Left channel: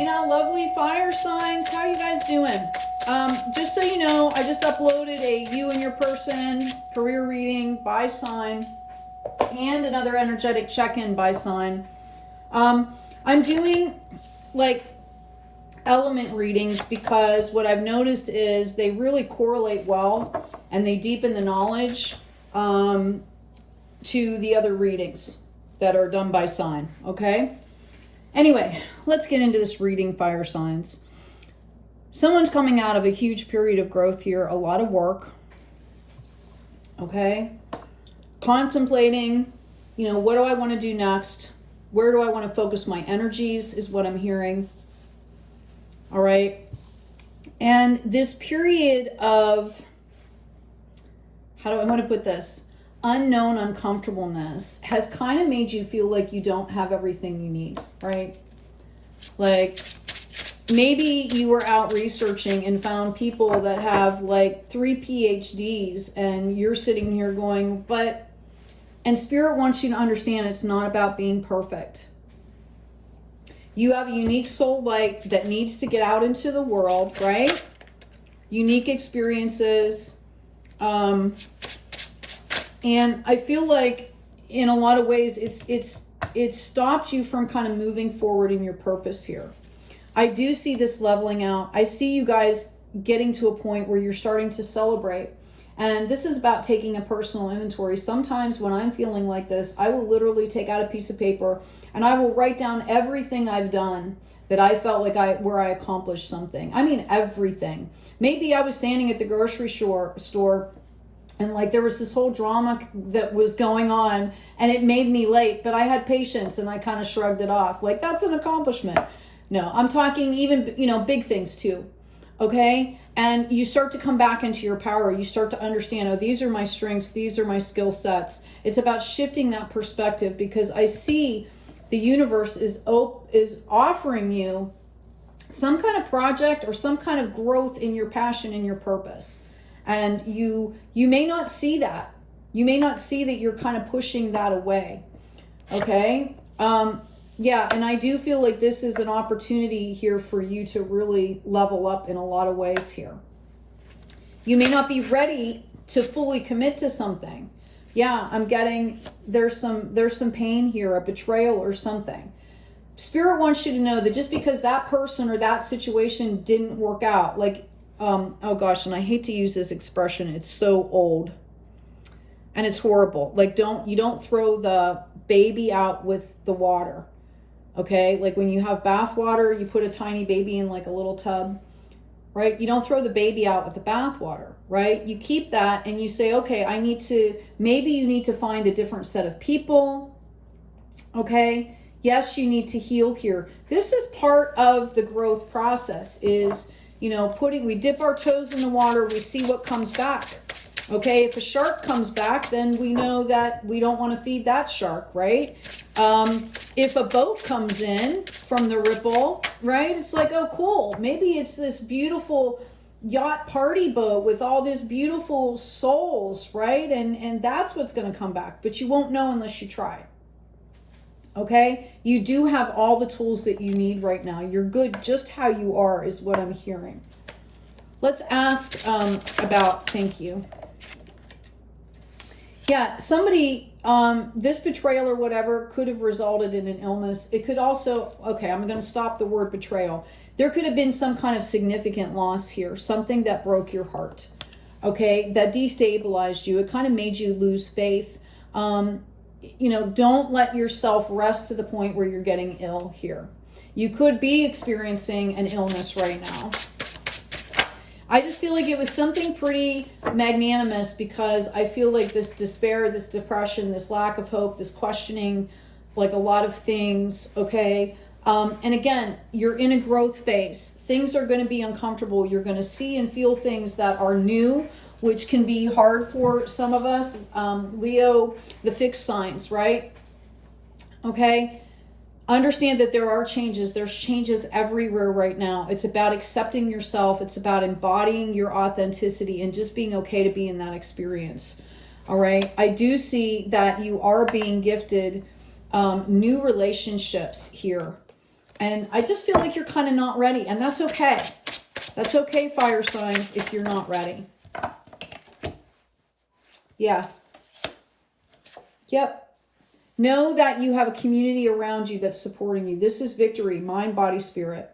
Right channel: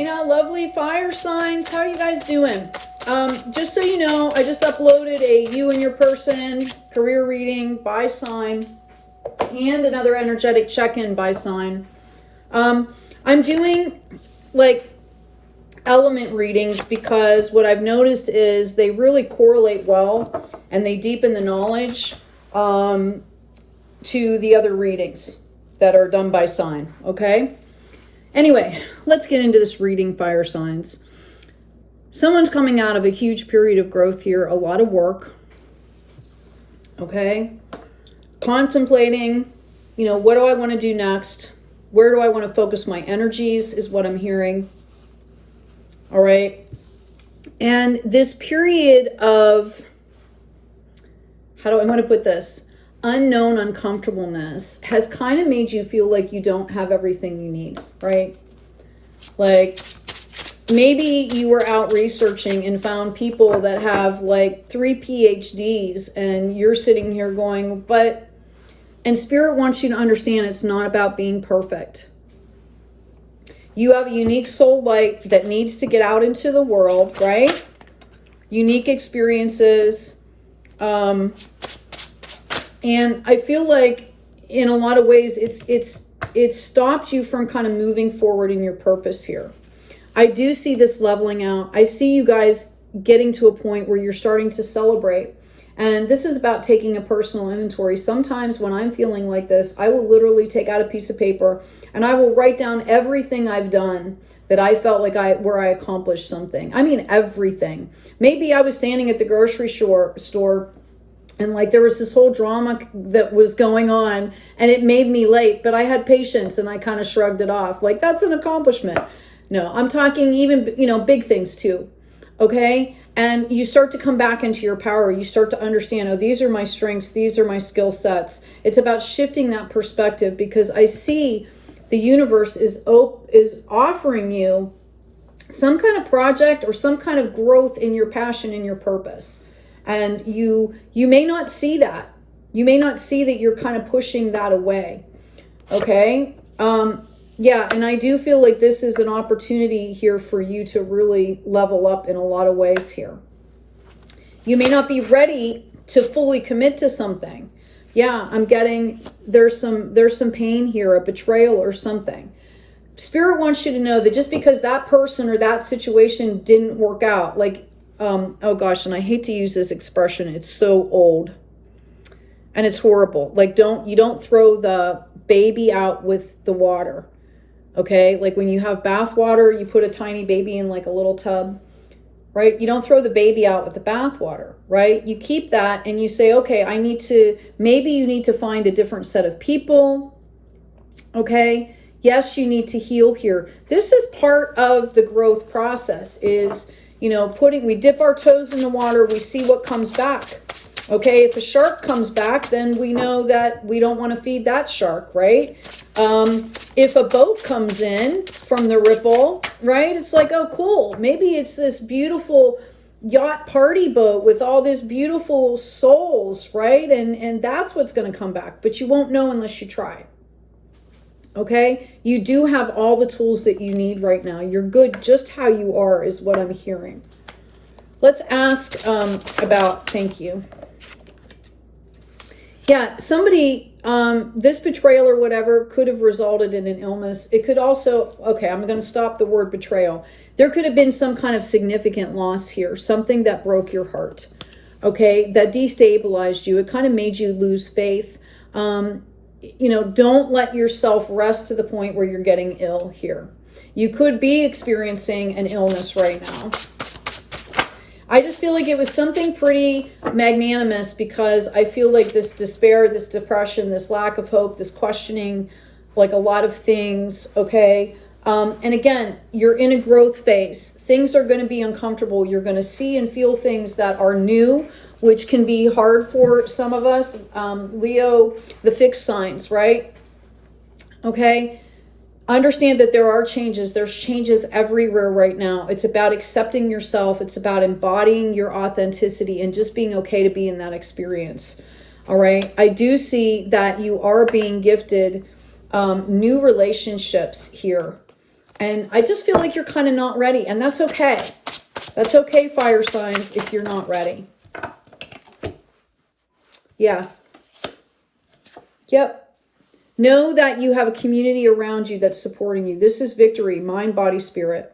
Hey now, lovely fire signs, how are you guys doing? Just so you know, I just uploaded a you and your person career reading by sign and another energetic check-in by sign. I'm doing like element readings because what I've noticed is they really correlate well and they deepen the knowledge to the other readings that are done by sign, okay? Anyway, let's get into this reading, fire signs. Someone's coming out of a huge period of growth here, a lot of work, okay? Contemplating, you know, what do I want to do next? Where do I want to focus my energies is what I'm hearing, all right? And this period of, how do I want to put this? Unknown uncomfortableness has kind of made you feel like you don't have everything you need, right? Like maybe you were out researching and found people that have like 3 PhDs and you're sitting here going, and Spirit wants you to understand it's not about being perfect. You have a unique soul light that needs to get out into the world, right? Unique experiences. And I feel like in a lot of ways it's stopped you from kind of moving forward in your purpose here. I do see this leveling out. I see you guys getting to a point where you're starting to celebrate. And this is about taking a personal inventory. Sometimes when I'm feeling like this, I will literally take out a piece of paper and I will write down everything I've done that I felt like where I accomplished something. I mean, everything. Maybe I was standing at the grocery store and like there was this whole drama that was going on and it made me late, but I had patience and I kind of shrugged it off. Like, that's an accomplishment. No, I'm talking even, you know, big things too. Okay. And you start to come back into your power. You start to understand, oh, these are my strengths. These are my skill sets. It's about shifting that perspective because I see the universe is offering you some kind of project or some kind of growth in your passion and your purpose. And you may not see that. You may not see that you're kind of pushing that away. Okay. Yeah. And I do feel like this is an opportunity here for you to really level up in a lot of ways here. You may not be ready to fully commit to something. Yeah. I'm getting, there's some pain here, a betrayal or something. Spirit wants you to know that just because that person or that situation didn't work out, like, oh gosh, and I hate to use this expression. It's so old and it's horrible. Like you don't throw the baby out with the water. Okay. Like when you have bath water, you put a tiny baby in like a little tub, right? You don't throw the baby out with the bath water, right? You keep that and you say, okay, maybe you need to find a different set of people. Okay. Yes, you need to heal here. This is part of the growth process is, you know, we dip our toes in the water, we see what comes back. Okay, if a shark comes back, then we know that we don't want to feed that shark, right? If a boat comes in from the ripple, right? It's like, oh, cool. Maybe it's this beautiful yacht party boat with all these beautiful souls, right? And that's what's going to come back, but you won't know unless you try. Okay, you do have all the tools that you need right now. You're good just how you are is what I'm hearing. Let's ask about, thank you. Yeah, somebody, this betrayal or whatever could have resulted in an illness. It could also, okay, I'm going to stop the word betrayal. There could have been some kind of significant loss here, something that broke your heart, okay, that destabilized you. It kind of made you lose faith. You know, don't let yourself rest to the point where you're getting ill here. You could be experiencing an illness right now. I just feel like it was something pretty magnanimous because I feel like this despair, this depression, this lack of hope, this questioning, like a lot of things, okay? And again, you're in a growth phase. Things are going to be uncomfortable. You're going to see and feel things that are new, which can be hard for some of us. Leo, the fixed signs, right? Okay. Understand that there are changes. There's changes everywhere right now. It's about accepting yourself. It's about embodying your authenticity and just being okay to be in that experience. All right. I do see that you are being gifted new relationships here. And I just feel like you're kind of not ready. And that's okay. That's okay, fire signs, if you're not ready. Yeah. Yep. Know that you have a community around you that's supporting you. This is victory, mind, body, spirit.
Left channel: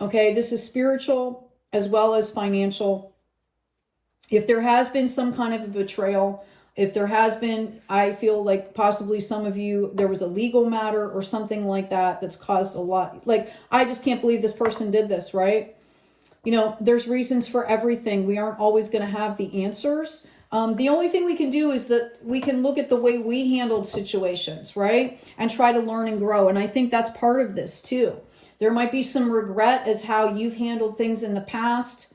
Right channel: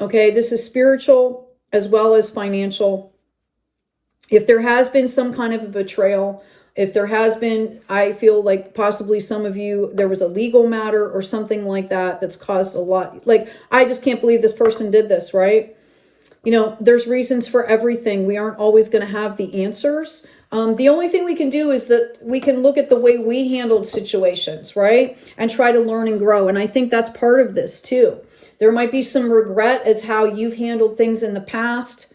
Okay, this is spiritual as well as financial. If there has been some kind of a betrayal, if there has been, I feel like possibly some of you, there was a legal matter or something like that that's caused a lot. Like, I just can't believe this person did this, right? You know, there's reasons for everything. We aren't always going to have the answers. The only thing we can do is that we can look at the way we handled situations, right? And try to learn and grow. And I think that's part of this too. There might be some regret as how you've handled things in the past.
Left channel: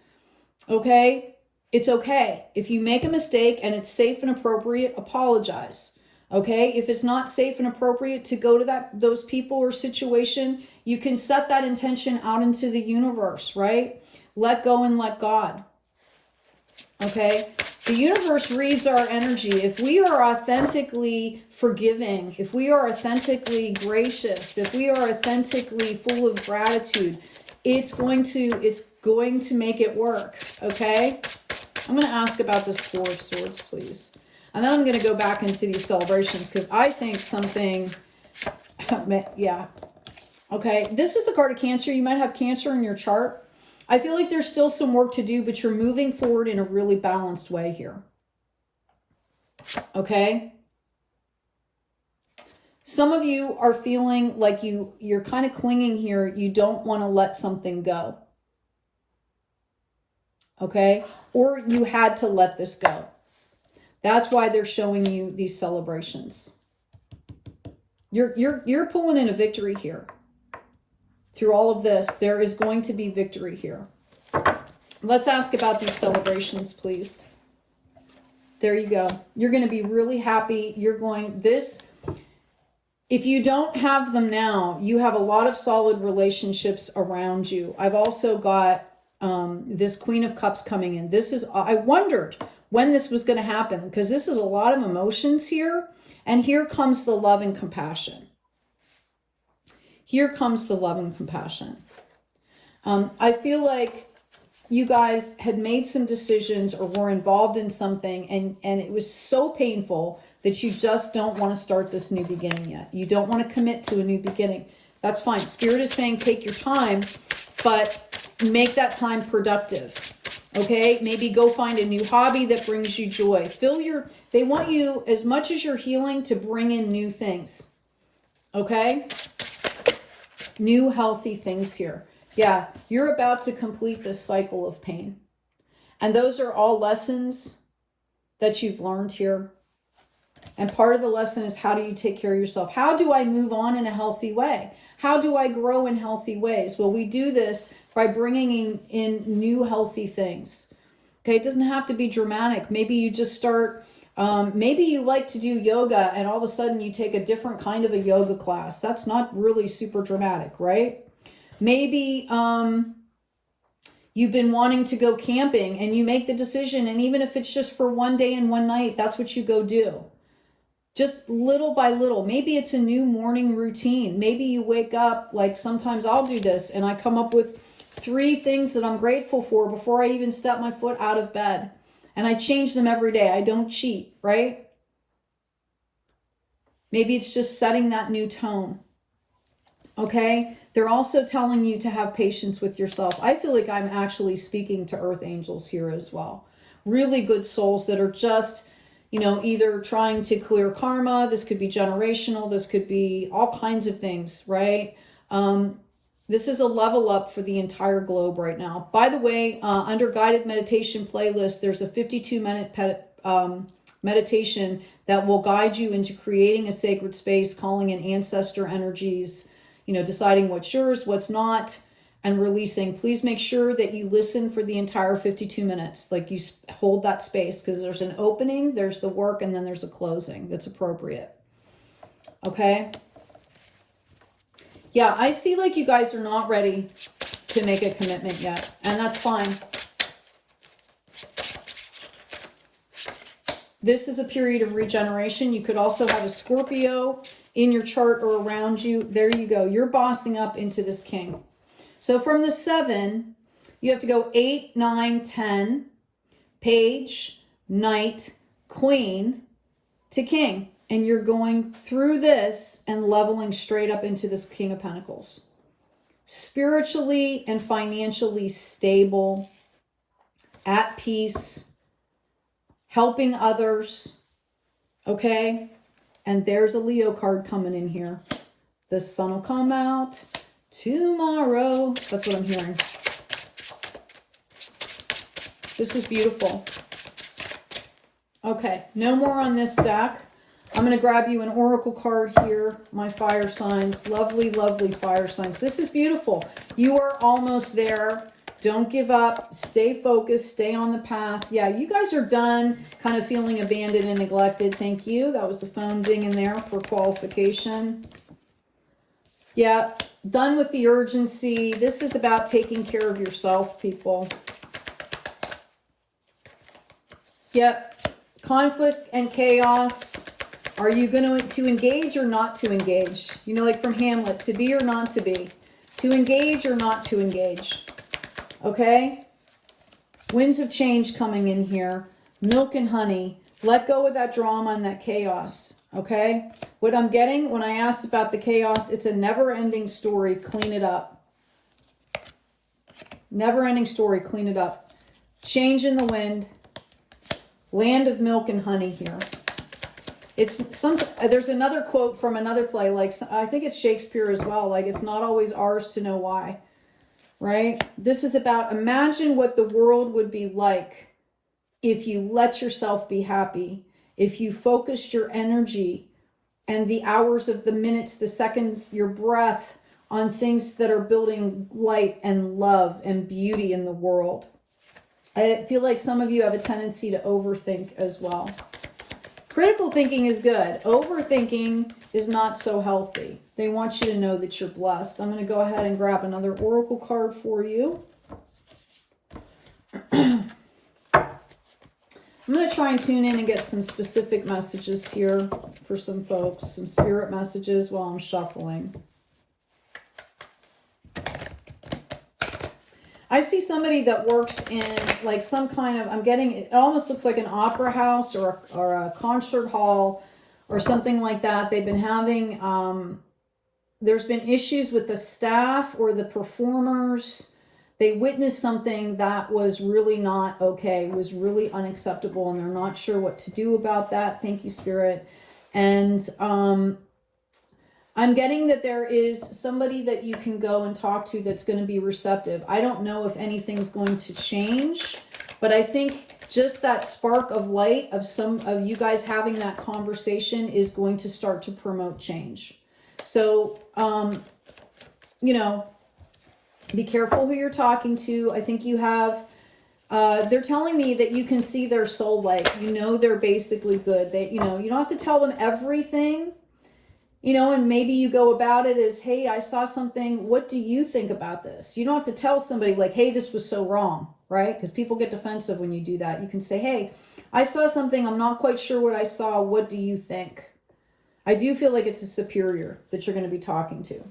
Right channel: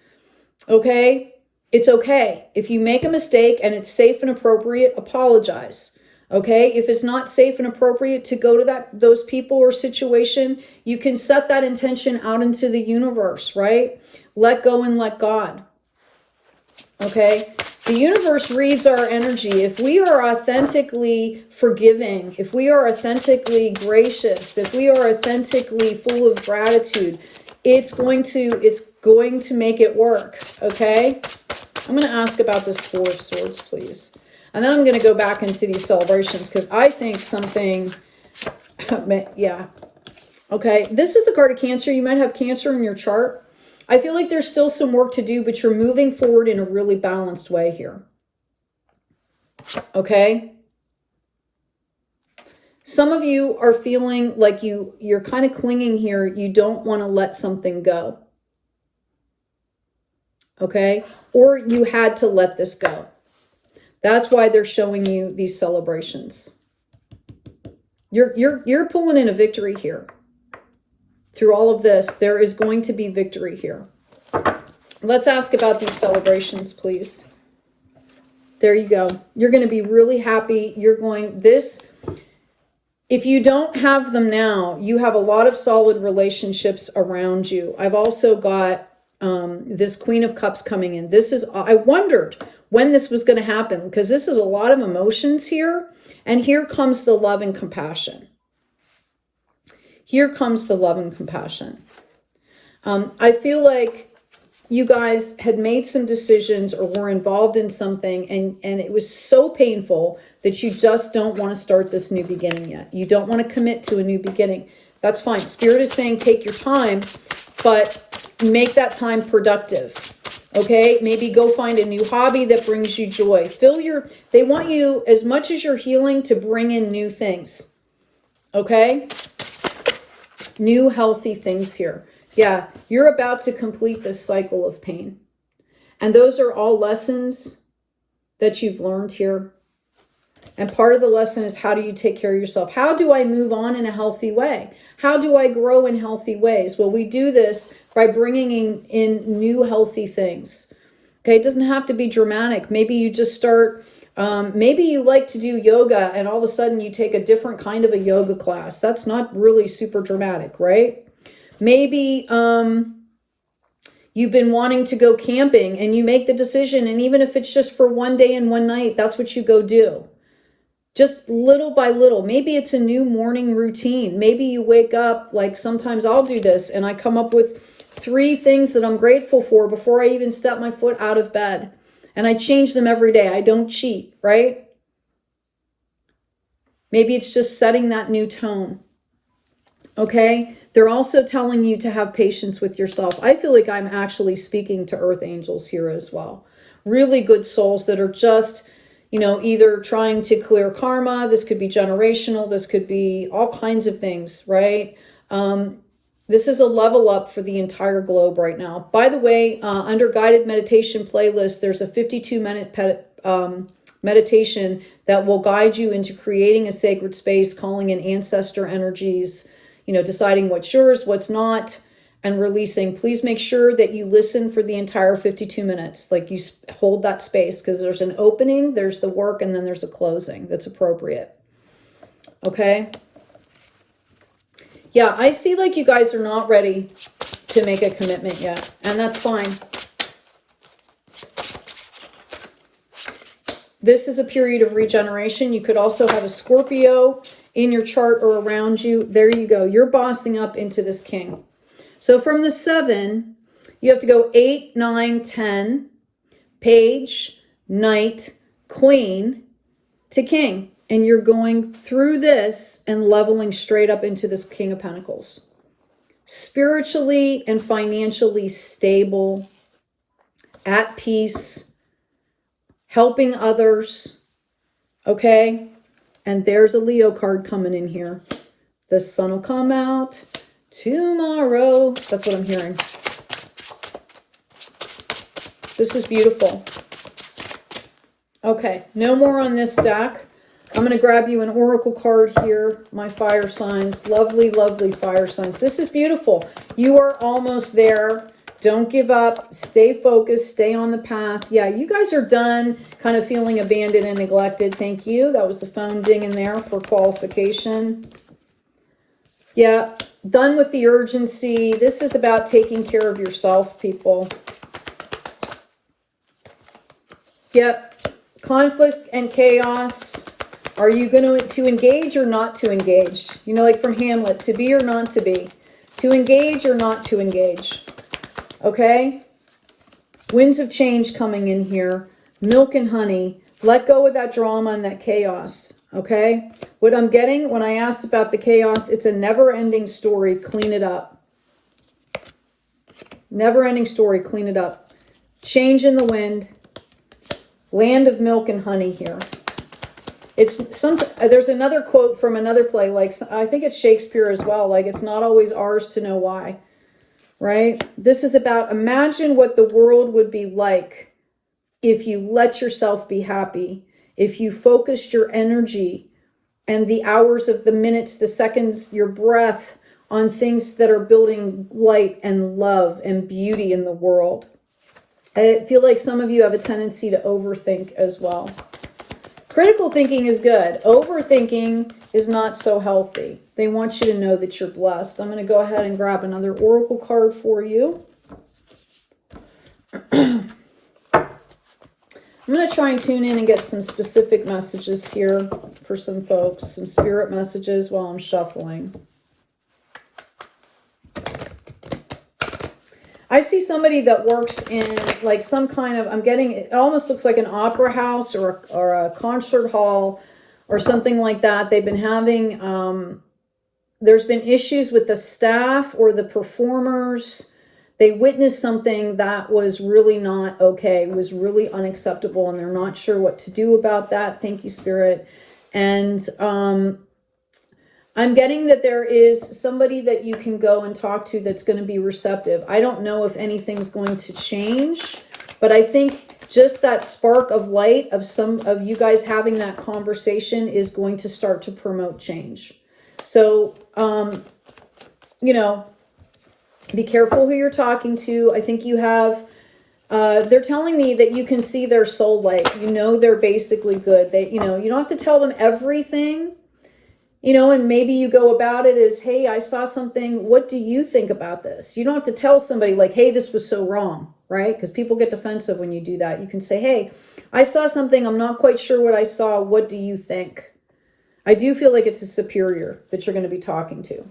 Okay? It's okay. If you make a mistake and it's safe and appropriate, apologize. Okay? If it's not safe and appropriate to go to those people or situation, you can set that intention out into the universe, right? Let go and let God. Okay? The universe reads our energy. If we are authentically forgiving, if we are authentically gracious, if we are authentically full of gratitude, it's going to make it work. Okay? I'm going to ask about this Four of Swords, please. And then I'm going to go back into these celebrations because I think something, yeah. Okay, this is the card of Cancer. You might have Cancer in your chart. I feel like there's still some work to do, but you're moving forward in a really balanced way here. Okay? Some of you are feeling like you're kind of clinging here. You don't want to let something go. Okay? Or you had to let this go. That's why they're showing you these celebrations. You're pulling in a victory here. Through all of this, there is going to be victory here. Let's ask about these celebrations, please. There you go. You're going to be really happy. If you don't have them now, you have a lot of solid relationships around you. I've also got this Queen of Cups coming in. I wondered when this was going to happen because this is a lot of emotions here. And here comes the love and compassion. Here comes the love and compassion. I feel like you guys had made some decisions or were involved in something and it was so painful that you just don't want to start this new beginning yet. You don't want to commit to a new beginning. That's fine. Spirit is saying take your time, but make that time productive. Okay? Maybe go find a new hobby that brings you joy. They want you, as much as you're healing, to bring in new things. Okay? New healthy things here. Yeah, you're about to complete this cycle of pain. And those are all lessons that you've learned here. And part of the lesson is, how do you take care of yourself? How do I move on in a healthy way? How do I grow in healthy ways? Well, we do this by bringing in new healthy things. Okay, it doesn't have to be dramatic. Maybe you just start... maybe you like to do yoga and all of a sudden you take a different kind of a yoga class. That's not really super dramatic, right? Maybe you've been wanting to go camping and you make the decision, and even if it's just for one day and one night, that's what you go do. Just little by little. Maybe it's a new morning routine. Maybe you wake up, like sometimes I'll do this, and I come up with 3 things that I'm grateful for before I even step my foot out of bed. And I change them every day. I don't cheat, right? Maybe it's just setting that new tone. Okay? They're also telling you to have patience with yourself. I feel like I'm actually speaking to earth angels here as well. Really good souls that are just, either trying to clear karma. This could be generational. This could be all kinds of things, right? This is a level up for the entire globe right now. By the way, under guided meditation playlist, there's a 52-minute meditation that will guide you into creating a sacred space, calling in ancestor energies, deciding what's yours, what's not, and releasing. Please make sure that you listen for the entire 52 minutes. Like, you hold that space, because there's an opening, there's the work, and then there's a closing that's appropriate. Okay? Yeah, I see like you guys are not ready to make a commitment yet, and that's fine. This is a period of regeneration. You could also have a Scorpio in your chart or around you, there you go. You're bossing up into this king. So from the 7, you have to go 8, 9, 10, page, knight, queen to king. And you're going through this and leveling straight up into this King of Pentacles. Spiritually and financially stable, at peace, helping others, okay? And there's a Leo card coming in here. The sun will come out tomorrow. That's what I'm hearing. This is beautiful. Okay, no more on this deck. I'm going to grab you an oracle card here, my fire signs. Lovely, lovely fire signs. This is beautiful. You are almost there. Don't give up. Stay focused. Stay on the path. Yeah, you guys are done kind of feeling abandoned and neglected. Thank you. That was the phone dinging there for qualification. Yeah, done with the urgency. This is about taking care of yourself, people. Yep. Conflict and chaos. Are you going to engage or not to engage? You know, like from Hamlet, to be or not to be. To engage or not to engage. Okay? Winds of change coming in here. Milk and honey. Let go of that drama and that chaos. Okay? What I'm getting when I asked about the chaos, it's a never-ending story. Clean it up. Never-ending story. Clean it up. Change in the wind. Land of milk and honey here. There's another quote from another play, like I think it's Shakespeare as well, like it's not always ours to know why, right? This is about imagine what the world would be like if you let yourself be happy, if you focused your energy and the hours of the minutes, the seconds, your breath on things that are building light and love and beauty in the world. I feel like some of you have a tendency to overthink as well. Critical thinking is good. Overthinking is not so healthy. They want you to know that you're blessed. I'm going to go ahead and grab another oracle card for you. I'm going to try and tune in and get some specific messages here for some folks, some spirit messages while I'm shuffling. I see somebody that works in like some kind of, I'm getting, it almost looks like an opera house or a concert hall or something like that. They've been having, there's been issues with the staff or the performers. They witnessed something that was really not okay, was really unacceptable, and they're not sure what to do about that. Thank you, Spirit. And I'm getting that there is somebody that you can go and talk to that's going to be receptive. I don't know if anything's going to change, but I think just that spark of light of some of you guys having that conversation is going to start to promote change. So, you know, be careful who you're talking to. I think you have, they're telling me that you can see their soul light. You know, they're basically good. They, you know, you don't have to tell them everything. You know, and maybe you go about it as, hey, I saw something. What do you think about this? You don't have to tell somebody like, hey, this was so wrong, right? Because people get defensive when you do that. You can say, hey, I saw something. I'm not quite sure what I saw. What do you think? I do feel like it's a superior that you're going to be talking to.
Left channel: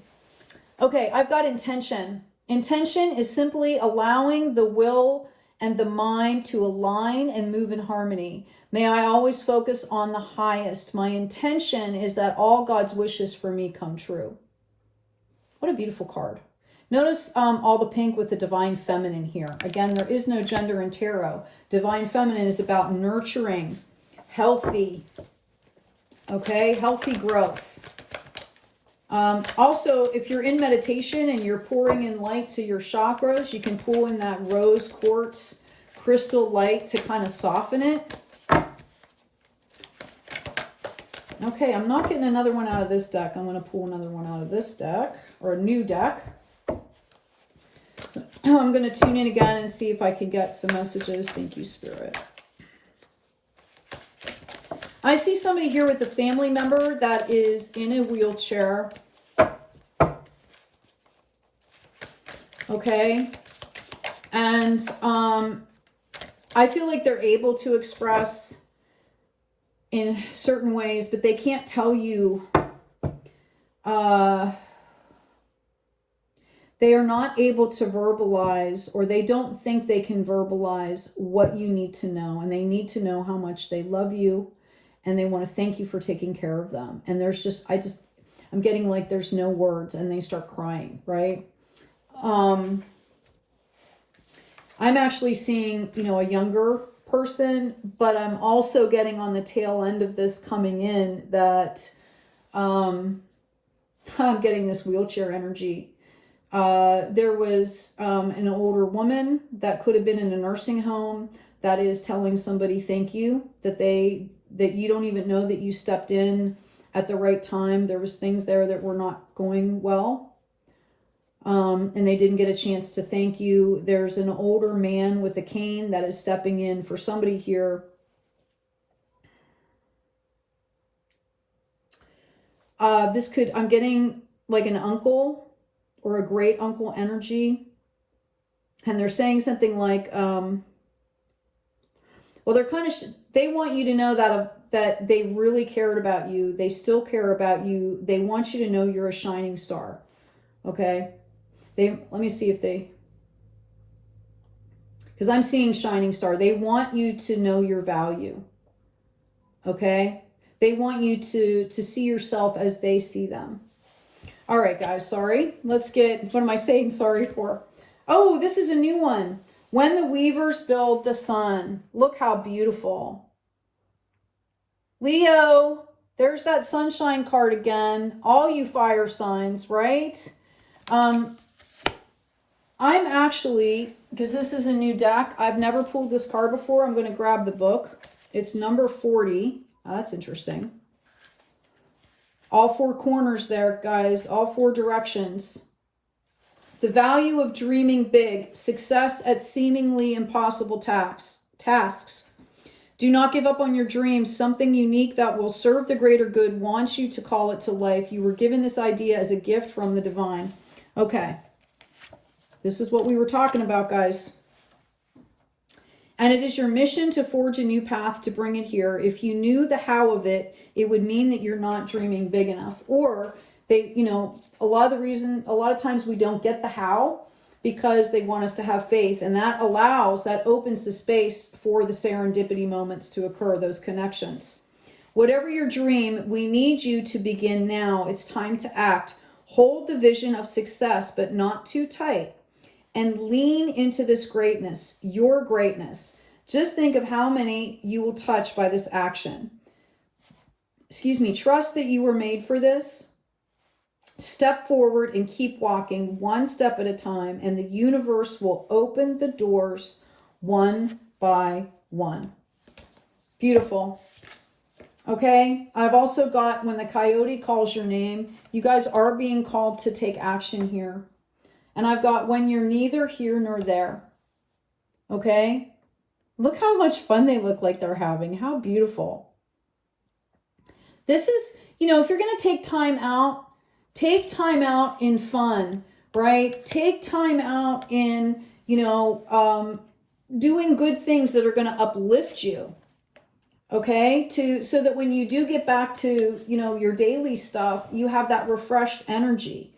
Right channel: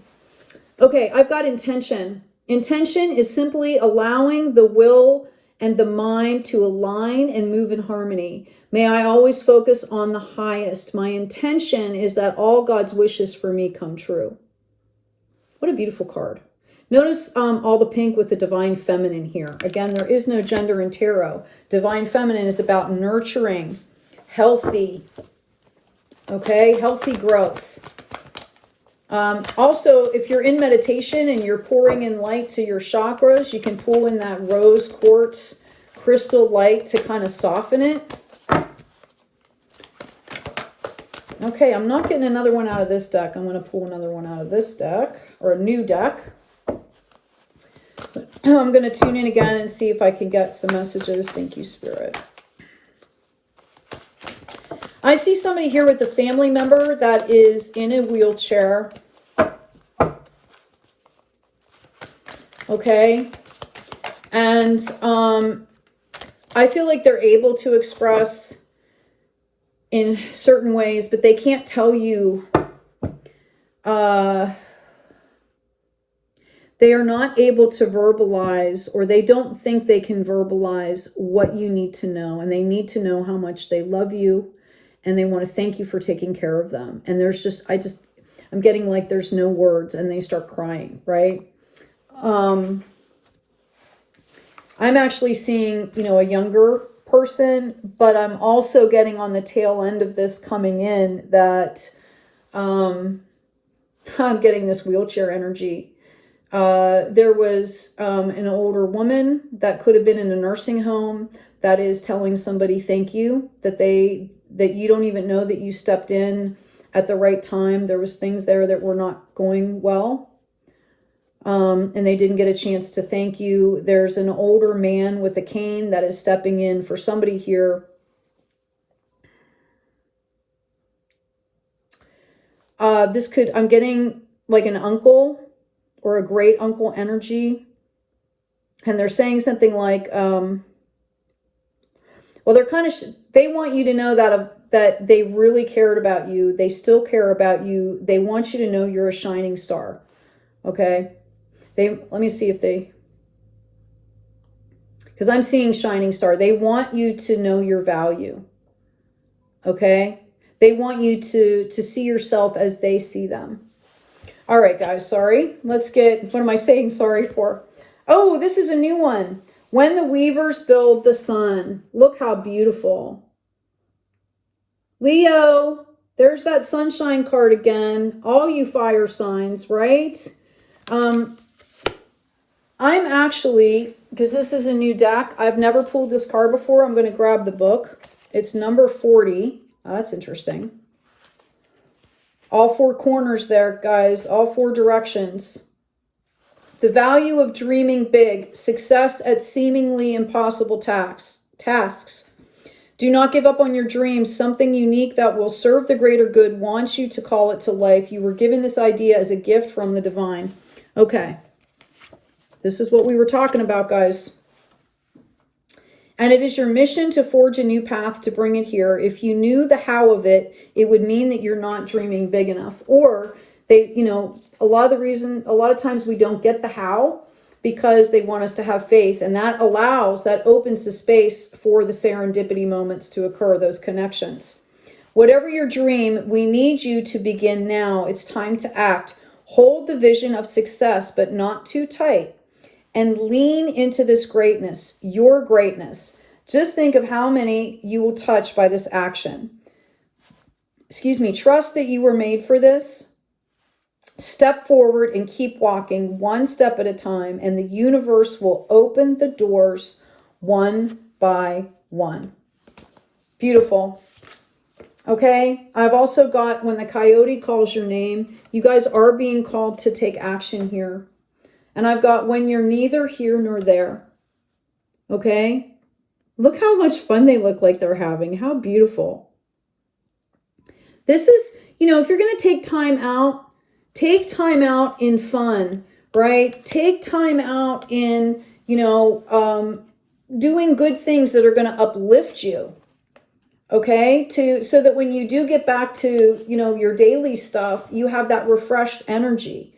Okay, I've got intention. Intention is simply allowing the will and the mind to align and move in harmony. May I always focus on the highest. My intention is that all God's wishes for me come true. What a beautiful card. Notice all the pink with the divine feminine here. Again, there is no gender in tarot. Divine feminine is about nurturing, healthy, okay, healthy growth. Also, if you're in meditation and you're pouring in light to your chakras, you can pull in that rose quartz crystal light to kind of soften it. Okay, I'm not getting another one out of this deck. I'm going to pull another one out of this deck, or a new deck. I'm going to tune in again and see if I can get some messages. Thank you, Spirit. I see somebody here with a family member that is in a wheelchair. Okay. And I feel like they're able to express in certain ways, but they can't tell you they are not able to verbalize, or they don't think they can verbalize what you need to know. And they need to know how much they love you, and they want to thank you for taking care of them. And there's just, I'm getting like there's no words, and they start crying, right? I'm actually seeing, you know, a younger person, but I'm also getting on the tail end of this coming in that I'm getting this wheelchair energy. There was an older woman that could have been in a nursing home that is telling somebody thank you, that you don't even know that you stepped in at the right time. There was things there that were not going well. And they didn't get a chance to thank you. There's an older man with a cane that is stepping in for somebody here. I'm getting like an uncle or a great uncle energy. And they're saying something like, well, they're kind of, they want you to know that they really cared about you. They still care about you. They want you to know you're a shining star. Okay. Let me see if because I'm seeing shining star. They want you to know your value. Okay. They want you to see yourself as they see them. All right, guys, sorry. Let's get, what am I saying sorry for? Oh, this is a new one. When the weavers build the sun. Look how beautiful. Leo, there's that sunshine card again. All you fire signs, right? I'm actually, because this is a new deck, I've never pulled this card before. I'm going to grab the book. It's number 40. Oh, that's interesting. All four corners there, guys. All four directions. The value of dreaming big. Success at seemingly impossible tasks. Do not give up on your dreams. Something unique that will serve the greater good wants you to call it to life. You were given this idea as a gift from the divine. Okay. This is what we were talking about, guys. And it is your mission to forge a new path to bring it here. If you knew the how of it, it would mean that you're not dreaming big enough. Or they, you know, a lot of times we don't get the how because they want us to have faith. And that opens the space for the serendipity moments to occur, those connections. Whatever your dream, we need you to begin now. It's time to act. Hold the vision of success, but not too tight. And lean into this greatness, your greatness. Just think of how many you will touch by this action. Excuse me. Trust that you were made for this. Step forward and keep walking one step at a time, and the universe will open the doors one by one. Beautiful. Okay. I've also got when the coyote calls your name, you guys are being called to take action here. And I've got when you're neither here nor there. Okay? Look how much fun they look like they're having. How beautiful. This is, you know, if you're going to take time out in fun, right? Take time out in, you know, doing good things that are going to uplift you. Okay? So that when you do get back to, you know, your daily stuff, you have that refreshed energy.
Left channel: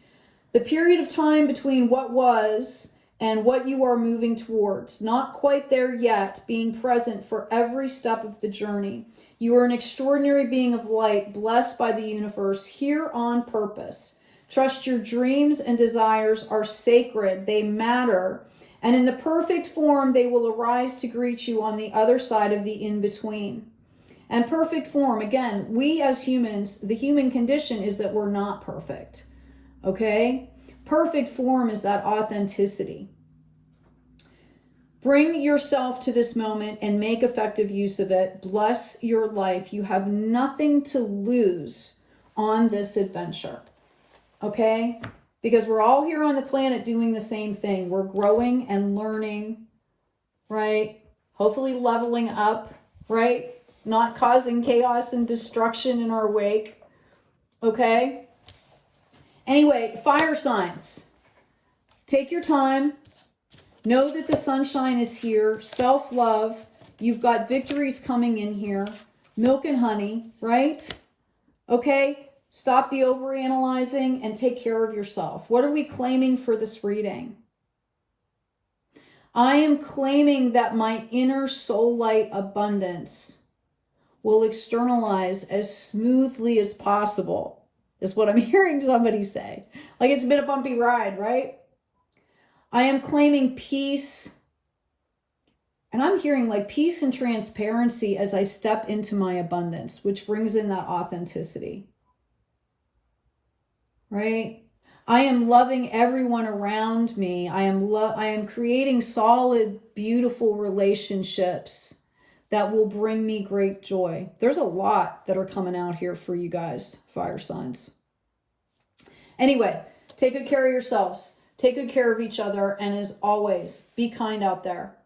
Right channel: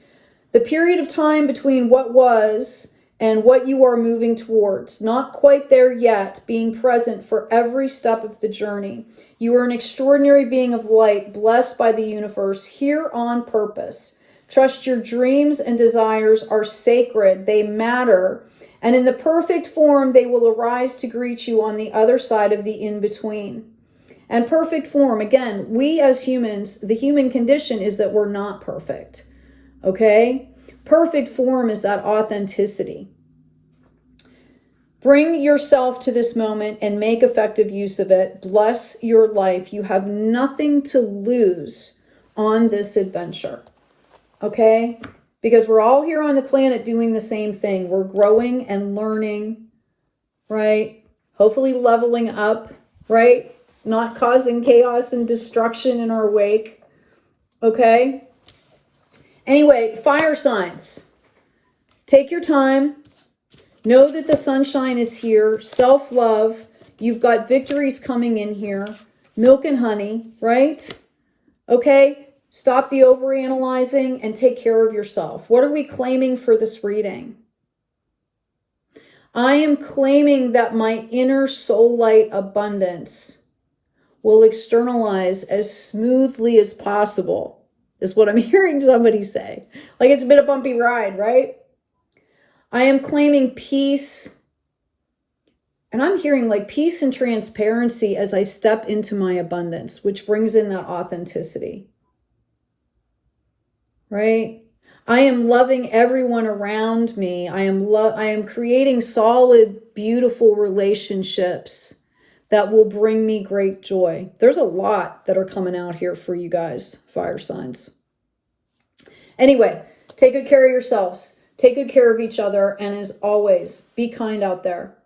The period of time between what was and what you are moving towards, not quite there yet, being present for every step of the journey. You are an extraordinary being of light, blessed by the universe, here on purpose. Trust your dreams and desires are sacred. They matter. And in the perfect form, they will arise to greet you on the other side of the in-between. And perfect form, again, we as humans, the human condition is that we're not perfect. Okay? Perfect form is that authenticity. Bring yourself to this moment and make effective use of it. Bless your life. You have nothing to lose on this adventure. Okay? Because we're all here on the planet doing the same thing. We're growing and learning, right? Hopefully leveling up, right? Not causing chaos and destruction in our wake. Okay? Anyway, fire signs. Take your time. Know that the sunshine is here. Self-love. You've got victories coming in here. Milk and honey, right? Okay? Stop the overanalyzing and take care of yourself. What are we claiming for this reading? I am claiming that my inner soul light abundance will externalize as smoothly as possible, is what I'm hearing somebody say. Like it's been a bumpy ride, right? I am claiming peace. And I'm hearing like peace and transparency as I step into my abundance, which brings in that authenticity, right? I am loving everyone around me. I am creating solid, beautiful relationships that will bring me great joy. There's a lot that are coming out here for you guys, fire signs. Anyway, take good care of yourselves. Take good care of each other. And as always, be kind out there.